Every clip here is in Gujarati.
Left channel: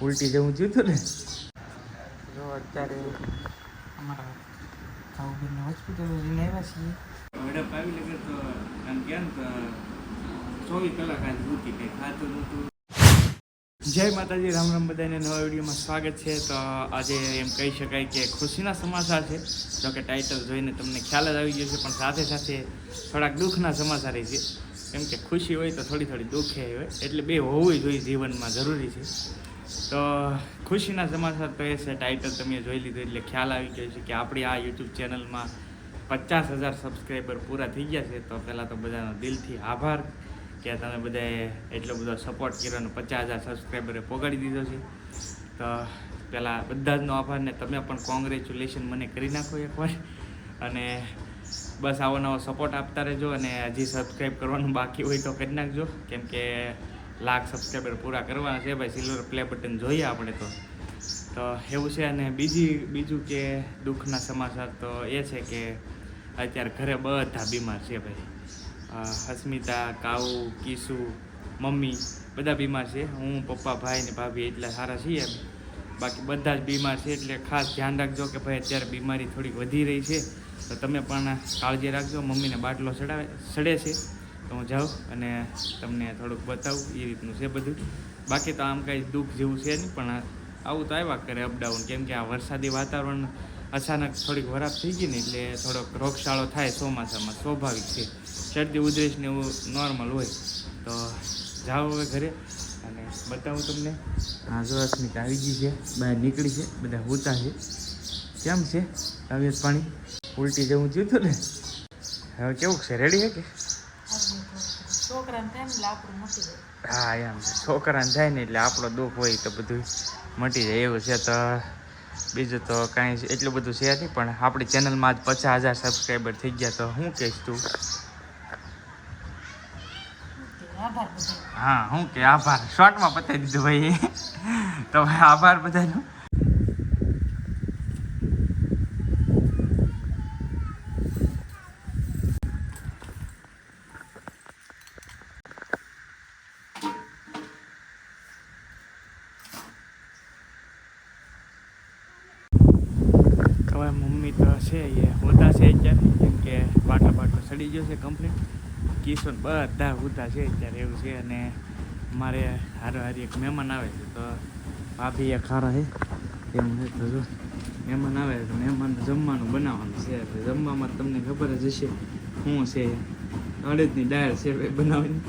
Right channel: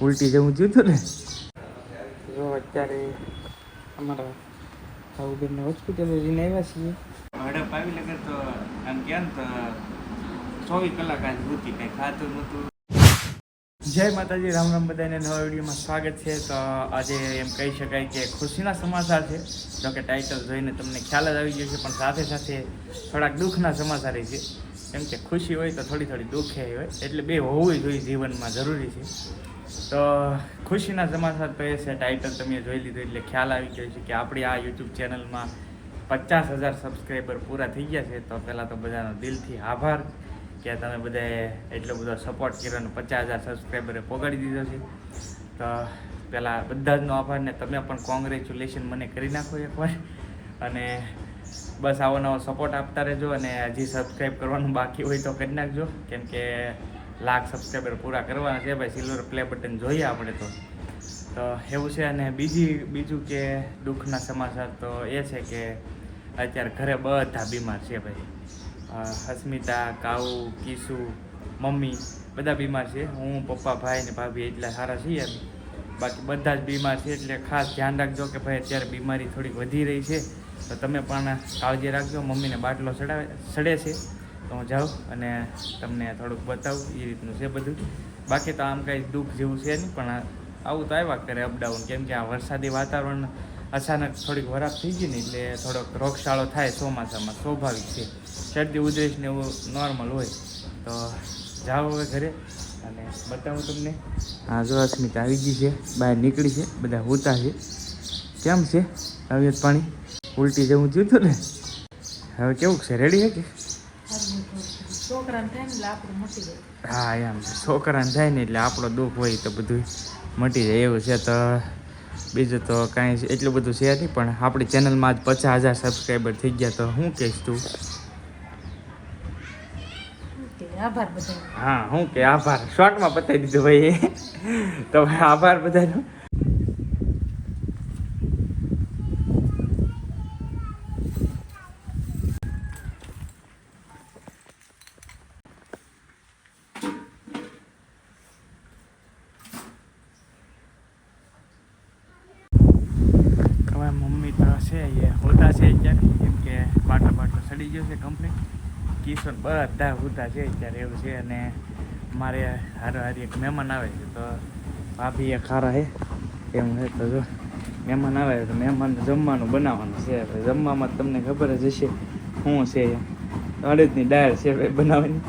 ઉલટી જેવું થયું હતું ને. જો અત્યારે અમારા ભાઉબેનને હોસ્પિટલે લઈને આવ્યા છીએ. હડપ આવી લાગે તો આમ કેમ તો 24 કલાક આજ ભૂતી કંઈ ખાતું નહોતું. જય માતાજી, રામ રામ, બધાને નવા વિડીયોમાં સ્વાગત છે. તો આજે એમ કહી શકાય કે ખુશીના સમાચાર છે. જોકે ટાઇટલ જોઈને તમને ખ્યાલ જ આવી ગયો છે, પણ સાથે સાથે થોડાક દુઃખના સમાચાર છે. કેમ કે ખુશી હોય તો થોડી દુઃખે હોય, એટલે બે હોવું જોઈએ જીવનમાં, જરૂરી છે. તો ખુશીના સમાચાર તો એ છે, ટાઇટલ તમે જોઈ લીધું એટલે ખ્યાલ આવી ગયો છે કે આપણી આ યુટ્યુબ ચેનલમાં 50,000 સબસ્ક્રાઈબર પૂરા થઈ ગયા છે. તો પહેલાં તો બધાનો દિલથી આભાર કે તમે બધાએ એટલો બધો સપોર્ટ કર્યો અને 50,000 સબસ્ક્રાઈબરે પોગાડી દીધો છે. તો પહેલાં બધા જનો આભાર, ને તમે પણ કોંગ્રેચ્યુલેશન મને કરી નાખો એકવાર. અને બસ આવો નવો સપોર્ટ આપતા રહેજો, અને હજી સબસ્ક્રાઈબ કરવાનું બાકી હોય તો કરી નાખજો, કેમ કે 1,00,000 સબસ્ક્રાઈબર પૂરા કરવાના છે ભાઈ. સિલ્વર પ્લે બટન જોઈએ આપણે તો એવું છે. અને બીજું કે દુઃખના સમાચાર તો એ છે કે અત્યારે ઘરે બધા બીમાર છે ભાઈ. અસ્મિતા, કાઉ, કિસુ, મમ્મી બધા બીમાર છે. હું, પપ્પા, ભાઈ ને ભાભી એટલા સારા છીએ. બાકી બધા જ બીમાર છે, એટલે ખાસ ધ્યાન રાખજો કે ભાઈ અત્યારે બીમારી થોડીક વધી રહી છે. તો તમે પણ કાળજી રાખજો. મમ્મીને બાટલો સડે છે, તો હું જાઉં અને તમને થોડુંક બતાવું. એ રીતનું છે બધું. બાકી તો આમ કાંઈ દુઃખ જેવું છે નહીં, પણ આવું તો આવ્યા કરે અપડાઉન. કેમ કે આ વરસાદી વાતાવરણ અચાનક થોડીક વરાપ થઈ ગઈ ને, એટલે થોડોક રોગચાળો થાય ચોમાસામાં, સ્વાભાવિક છે. શરદી ઉધરસ ને એવું નોર્મલ હોય. તો જાઓ હવે ઘરે અને બતાવું તમને. હા, જો અસ્મિતા આવી ગઈ છે, બહાર નીકળી છે, બધા હોતા છે. કેમ છે તબિયત પાણી? ઉલટી જેવું થયું હતું ને, હવે કેવું છે? રેડી છે કે? હા, એમ છોકરાને થાય ને એટલે આપણો દુઃખ હોય તો બધું મટી જાય એવું છે. તો બીજું તો કાંઈ એટલું બધું છે નહીં, પણ આપણી ચેનલમાં આજ 50,000 સબસ્ક્રાઈબર થઈ ગયા. તો શું કહીશ તું? હા, હું કે આભાર શોર્ટમાં બતાવી દીધું ભાઈ. તો ભાઈ આભાર બધાનો. હવે મમ્મી તો છે એ હોતા છે અત્યારે, કેમ કે બાટલો સડી ગયો છે કમ્પ્લીટ. કિશોર બધા હોતા છે અત્યારે એવું છે. અને મારે હારી એક મહેમાન આવે છે, તો ભાભી એક હારા છે એમ છે. તો જો મહેમાન આવે તો મહેમાનને જમવાનું બનાવવાનું છે. જમવામાં તમને ખબર જ હશે શું છે. અડદની દાળ છે ભાઈ બનાવવાની.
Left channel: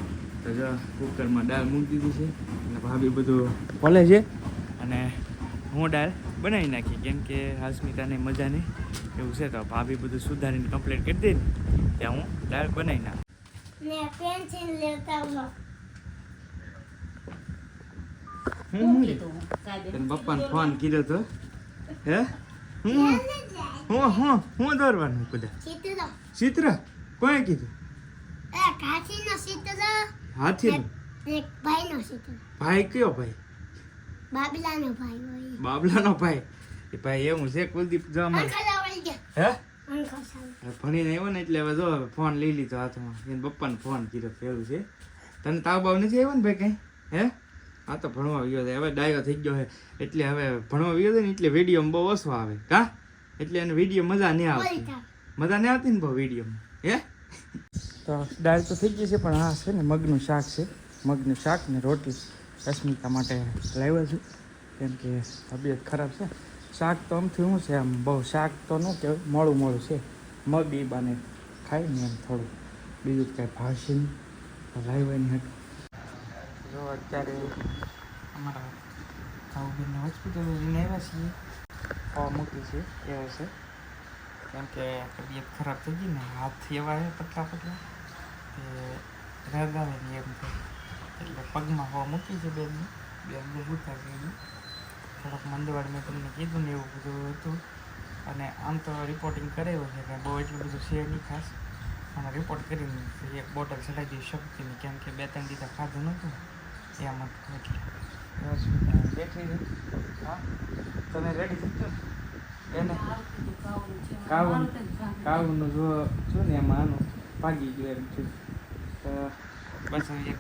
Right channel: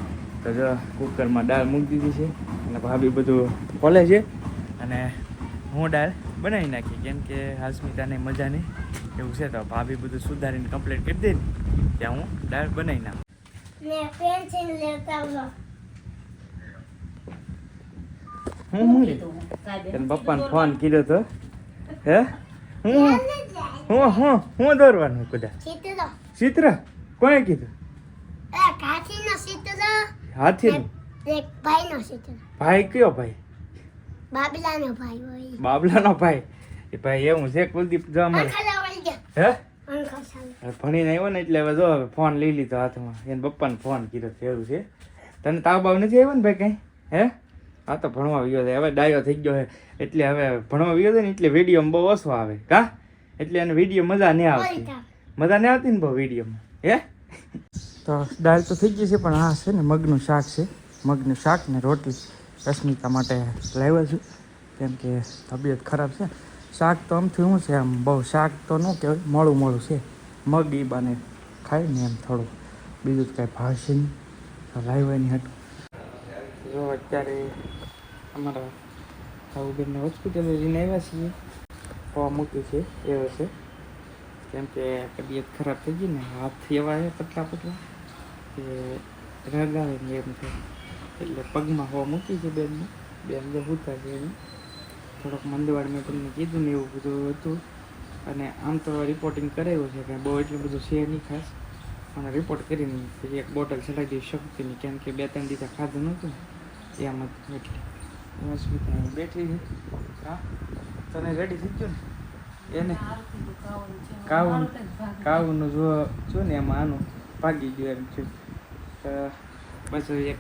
તો જો કુકરમાં દાળ મૂકી દીધી છે, અને ભાભી બધું ખોલે છે, અને હું દાળ બનાવી નાખી. કેમ કે હાસ્મિતાને મજા નહીં એવું છે. તો ભાભી બધું સુધારીને કમ્પ્લીટ કરી દે ને ત્યાં હું દાળ બનાવી નાખું. પપ્પાને ફોન કીધો તો હે હું દોરવાનું બધા ચિત્ર કોણે કીધું? હાથી ભાઈ કયો ભાઈ? બાબલાનો ભાઈ. એ ભાઈ એવું છે કુલદીપ જો અમારે હે ભણીને આવ્યો ને એટલે હવે જો ફોન લઈ લીધો હાથમાં. એને પપ્પાને ફોન કીધો એવું છે. તને તાવ બાવ નથી આવ્યો ને ભાઈ કઈ? હે હા, તો ભણવા ગયો છે હવે, ડાયો થઈ ગયો છે. એટલે હવે ભણવા ગયો છે ને એટલે વિડીયોમાં બહુ ઓછો આવે કા, એટલે એને વિડીયો મજા નહીં આવતી ને બહુ વિડીયોમાં. હે તો દાળ તો થઈ ગઈ છે, પણ આ છે ને મગનું શાક છે. મગનું શાક ને રોટલી રશ્મિતા માટે લાવ્યો છું, કેમ કે તબિયત ખરાબ છે. શાક તો આમથી શું છે, આમ બહુ શાક તો ન કહેવાય, મોડું છે. મગ એ બાને ખાય ને એમ થોડું, બીજું જ કાંઈ ભાવશે નહીં. લાવવાની હતું. જો અત્યારે અમારા ભાઉબેનને હોસ્પિટલે લઈને આવ્યા છીએ. હવા મૂકી છે એવો છે, કેમ કે તબિયત ખરાબ થઈ ગઈ ને, હાથ એવા છે પતલા કે રાગાવે ને એમ થાય. એટલે પગમાં હવા મૂકી છે બેન બે ઉતા છે એની. થોડોક મંદવાડ મેં તમને કીધું ને એવું બધું હતું. અને આમ તો રિપોર્ટિંગ કરાવ્યું છે, કંઈ બહુ એટલું બધું છે નહીં ખાસ, પણ રિપોર્ટ કરીને પછી એક બોટલ ચડાવી દઈ શક્તિની, કેમ કે 2-3 દિવસ ખાધું નહોતું એમ જ. એટલે બેઠી હા તને રેડી થઈ ગયો એને કાવનું જો ને એમાં આનું ભાગી ગયો એમ છે. તો પછી એક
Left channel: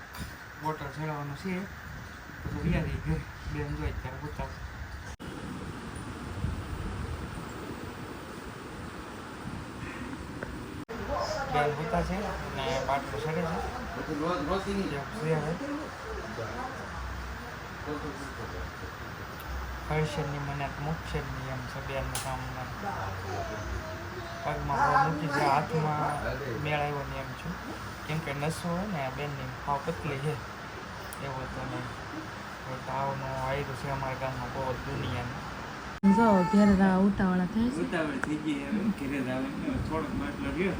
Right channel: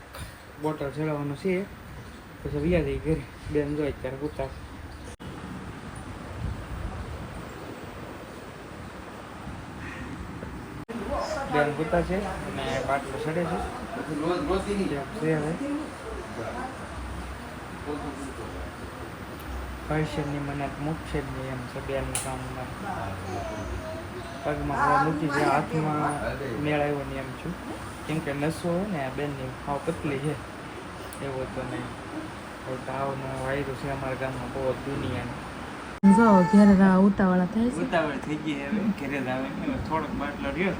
બોટલ ચડાવવાનું છે, પછી વ્યા જઈ ઘરે. બેન જો અત્યારે ઉતાર બેન ઉતાર છે અને બાટલો ચડે છે પૈસાની મને મૂકશે જ નહીં એમ છે બેનું કામ પગમાં હવે મૂકી છે હાથમાં મેળ આવ્યો ને એમ છું કેમ કે નસો હોય ને બેનની હાવ પતલી છે એવો તો નહીં હવે તાવનો વાયરો છે અમારા ગામમાં બહુ દુનિયાની જો ઘેર ઉતાવળા થાય છે ઉતાવળ થઈ ગઈ હવે ઘરે જ આવે ને થોડોક બાટલો રહ્યો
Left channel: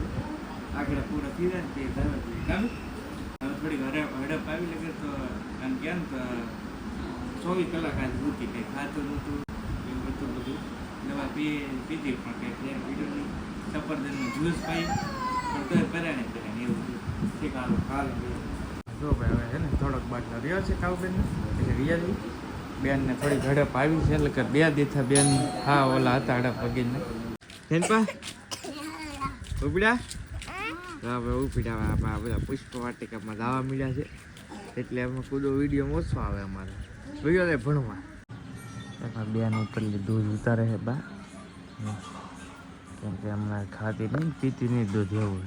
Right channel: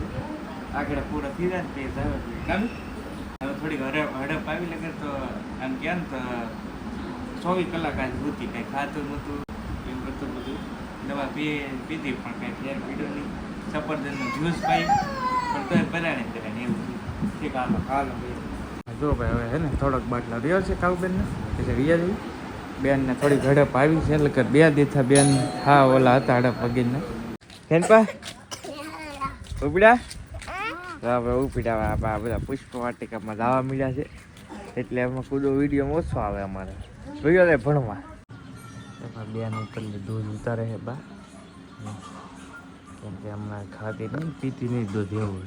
આગળ પૂરા થઈ જાય ને તે જ આવે કામ હવે થોડીક હડપ આવી લાગે તો આમ ક્યાં તો 24 કલાક આજ ભૂતી કંઈ ખાતું નહોતું એવું હતું બધું દવા પીધી પણ કંઈ ફેર પીડ્યો નહીં સફરજનનું જ્યુસ પાઈ પણ તોય પરાણે કરે એવું ઠીક હાલો જો ભાઈ હવે છે ને થોડોક બાટલો રહ્યો છે કાઉબેનને એટલે રિયલી બેનને થોડી ઝડપ આવી છે એટલે કે 2 દીથા બેન હા ઓલા હતા હડપ વગીરને બેનપા ઉપડ્યા તો હવે ઉપડ્યા આ બધા પુષ્પ વાટિકામાં જવા મળ્યા છે એટલે એમાં કુદો વિડીયો ઓછો આવે અમારે જોયો રે ભણવા બેન ઉપર દૂધ ઉતારે હતા કેમ કે હમણાં ખાતી નહીં પીતી નહીં દૂધ એવું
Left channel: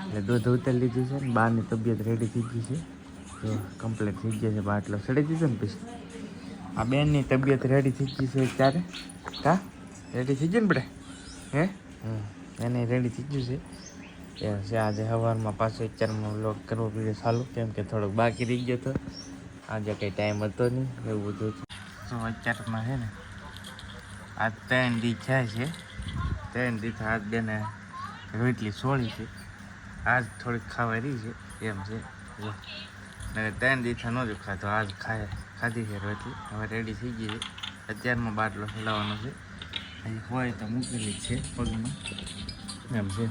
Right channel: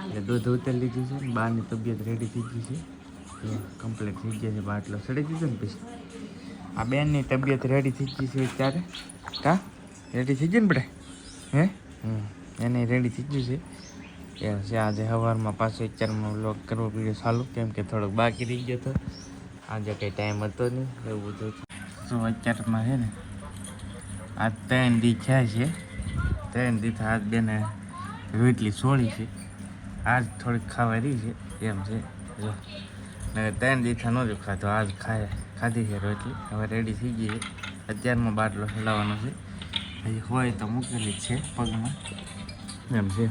એટલે દૂધ ઉતારી લીધી છે ને બહારની તબિયત રેડી થઈ ગઈ છે તો કમ્પ્લીટ થઈ ગયા છે બાટલો સડી દીધો ને પછી આ બેનની તબિયત રેડી થઈ ગઈ છે ત્યારે કા રેડી થઈ ગઈ ને બેટા હે એને રેડી થઈ ગઈ છે એમ છે આજે સવારમાં પાછું અત્યારમાં લોક કરવો પડ્યો ચાલુ કેમ કે થોડોક બાકી રહી ગયો હતો આજે કંઈ ટાઈમ હતો નહીં એવું બધું તો અત્યારમાં છે ને આ 3 દી થયા છે 3 દી હાથ બેને રોટલી સોળી છે આજ થોડીક ખાવા રહી છે એમ છે જો ને 3 દીથા નહોતું ખાતો આજ ખાધી છે રોટલી હવે રેડી થઈ ગઈ છે અત્યારમાં બાટલો ચડાવવાનો છે હજી હોય તો મૂકેલી જ છે પગમાં એમ છે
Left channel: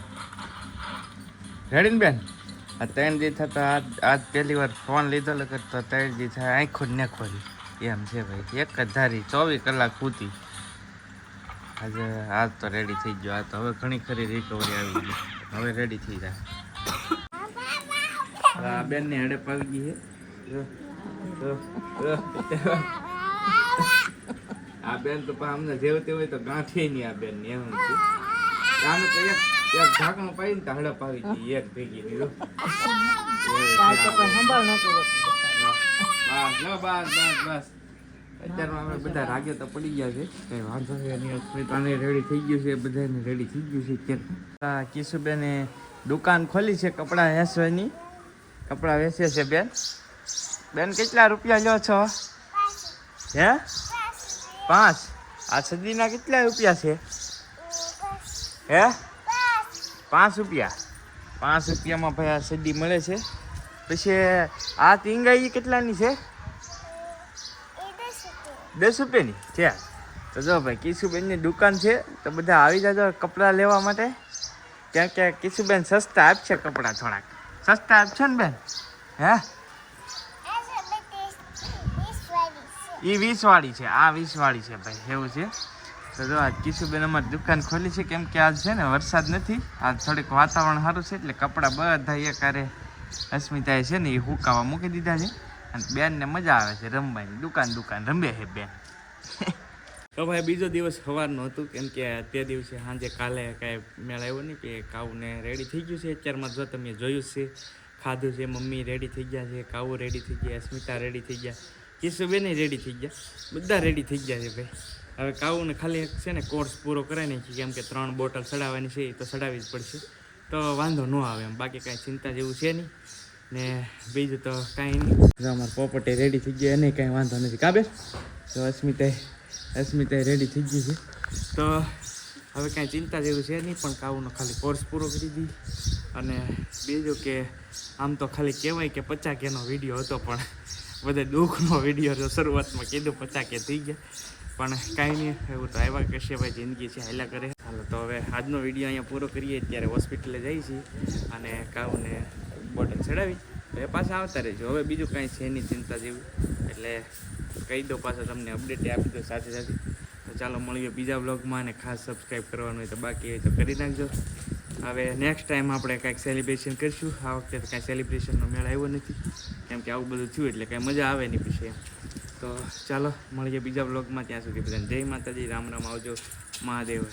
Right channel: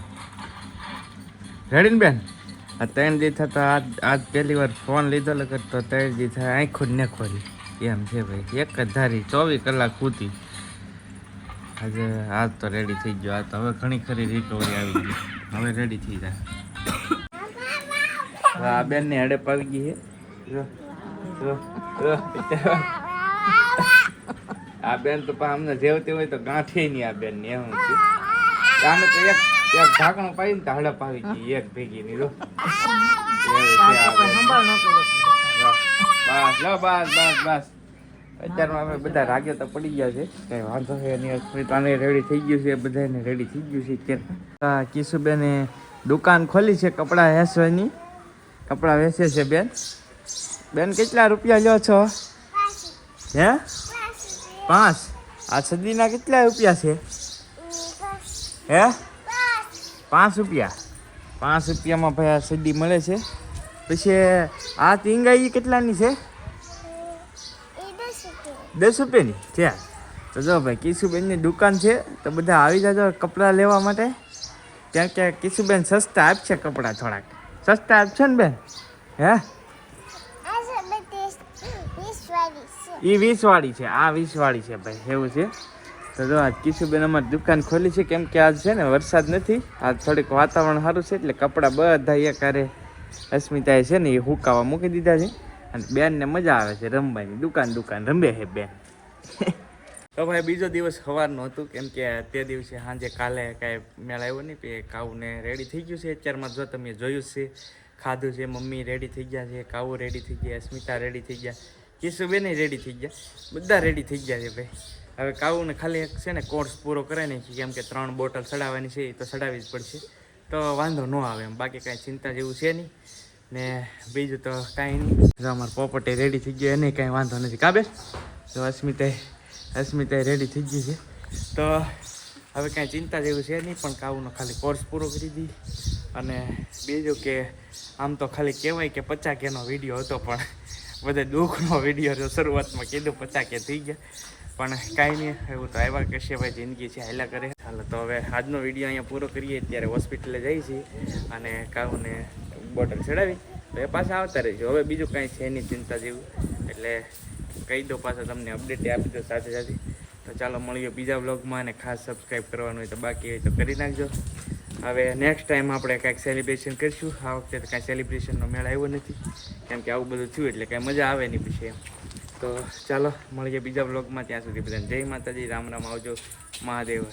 રેડી ને બેન આ 3 દીથા તો આજ પહેલી વાર ફોન લીધો લગર તો 3 દીથા આંખો જ ન ખોલી એમ છે ભાઈ એક જ ધારી 24 કલાક ખૂતી આજે આજ તો રેડી થઈ ગયો આ તો હવે ઘણી ખરી રિકવરી આવી ગઈ હવે રેડી થઈ જાય હા બેનની હડપ આવી ગઈ છે આ બેન તો અમને જેવતી હોય તો ગાંઠી નહીં આ બેન ની એમ આને તો એક ઢાંકણું પાડીને તો હડપ આવી ગઈ એક ભેગી ની રો બસ અત્યારમાં અમે બધા રાગે તો પડી ગયા છે કઈ વાંધો છે એની અસ્મિતાને રેડી થઈ ગયું છે બધાને રેડી થઈ ગયું છે અત્યારે કિશુબેને દુકાન ખોલી છે કપડાં વેચવાની કપડાં વેચે છે બેન કેટલા રૂપિયા લ્યો છો હે 5 આ સદીના કેટલા રૂપિયા છે હે 5 રૂપિયા 5 રૂપિયામાં ભાઈ આ સદી મળે છે પછી આ ટીંગાઈ કેટલાની છે 10 રૂપિયાની છે તો જો ભાઈ કિશુબેનની દુકાન છે તો બધા આવી જાજો કપડાં લેવા માટે ક્યાં ક્યાં કિશુબેન સસ્તા આપશે કપડાં થોડાક સસ્તા આપશે ને બેન હે એ 20 વાળી છે આ 20 વાળી છે ભાઈ એવું છે તો જો આજ કિશુબેન અમારી દુકાન ખોલી છે કેમ કે આજ છે ને વરસાદ નથી આજ થોડીક વાતાવરણ સારું છે એટલે કપડાં બધા એકારે અસ્મિતાએ છે ને એ હુકાવા મૂકી દીધા છે અને બેનને મજા આવે છે રમવાની દુકાન રમે છે બેન તો ભાઈ બીજો દિવસ સવારનો હતું કેમ કે તે દિવસે સાંજે કાલે કાંઈ મેળ આવ્યો નહીં કે કાઉને રેડી થઈ ગયું છે અત્યારમાં જો તમે જોયું છે ખાધું છે મમ્મી રેડી થઈ ગયા છે કાઉ રેડી થઈ ગયા અસ્મિતા રેડી થઈ ગયા કિશુબેન રેડી થઈ ગયા બધા રેડી થઈ ગયા છે ભાઈ હવે કાઉને ખાલી એક છે ને કોર્સ પૂરો કરાવી નાખી કેમ કે 3 બોટલ ચડાવવાની છે એ તો ચડાવવી જ પડશે તો વાંધો ન આવે એમ બાકી કાંઈ ચિંતા જેવું છે નહીં ને બીજું તો કાંઈ નહીં જો અમારે પોપટી રેડી થઈ ગયો એને કાંઈ વાંધો નથી કાબે તો અસ્મિતાએ રેડી થઈ ગઈ છે તો હવે કાંઈ ચિંતા જેવું છે નહીં પણ કાઉનો ખાલી કોર્સ પૂરો કરી દી અને બીજું કે આમ તો ખાલી કહેવાય કે 50K નો વિડીયો હતો પણ બધે દુઃખનો વિડીયો શરૂઆતમાં કીધું 50K થઈ ગયા પણ કાંઈ નહીં એવું તો આવ્યા કશે ભાઈ જિંદગી છે હાલ્યા કરે ચાલો તો હવે આજનો વિડીયો અહીંયા પૂરો કરીએ ત્યારે હોસ્પિટલે જઈએ છીએ અને કાઉને બોટલ ચડાવી તો એ પાછા આવતા રહેજો હવે બીજું કાંઈ છે નહીં ચિંતા જેવું એટલે કહી દો પાછા તમને અપડેટ આપી દો સાથે સાથે તો ચાલો મળીએ બીજા બ્લોગમાં અને ખાસ સબસ્ક્રાઈબ કરવાનું હોય તો બાકી હોય તો કરી નાખજો હવે નેક્સ્ટ ટાઈમ આપણે કાંઈક સેલિબ્રેશન કરીશું આ વખતે તો કાંઈ સેલિબ્રેશનનો મેળ આવ્યો નથી કેમ કે આવું બધું થયું એટલે કાંઈ મજા આવે નહીં પછી તો ચાલો મળીએ બીજા બ્લોગમાં. ત્યાં સુધી બધાને જય માતાજી, રામ રામ, આવજો, મહાદેવ.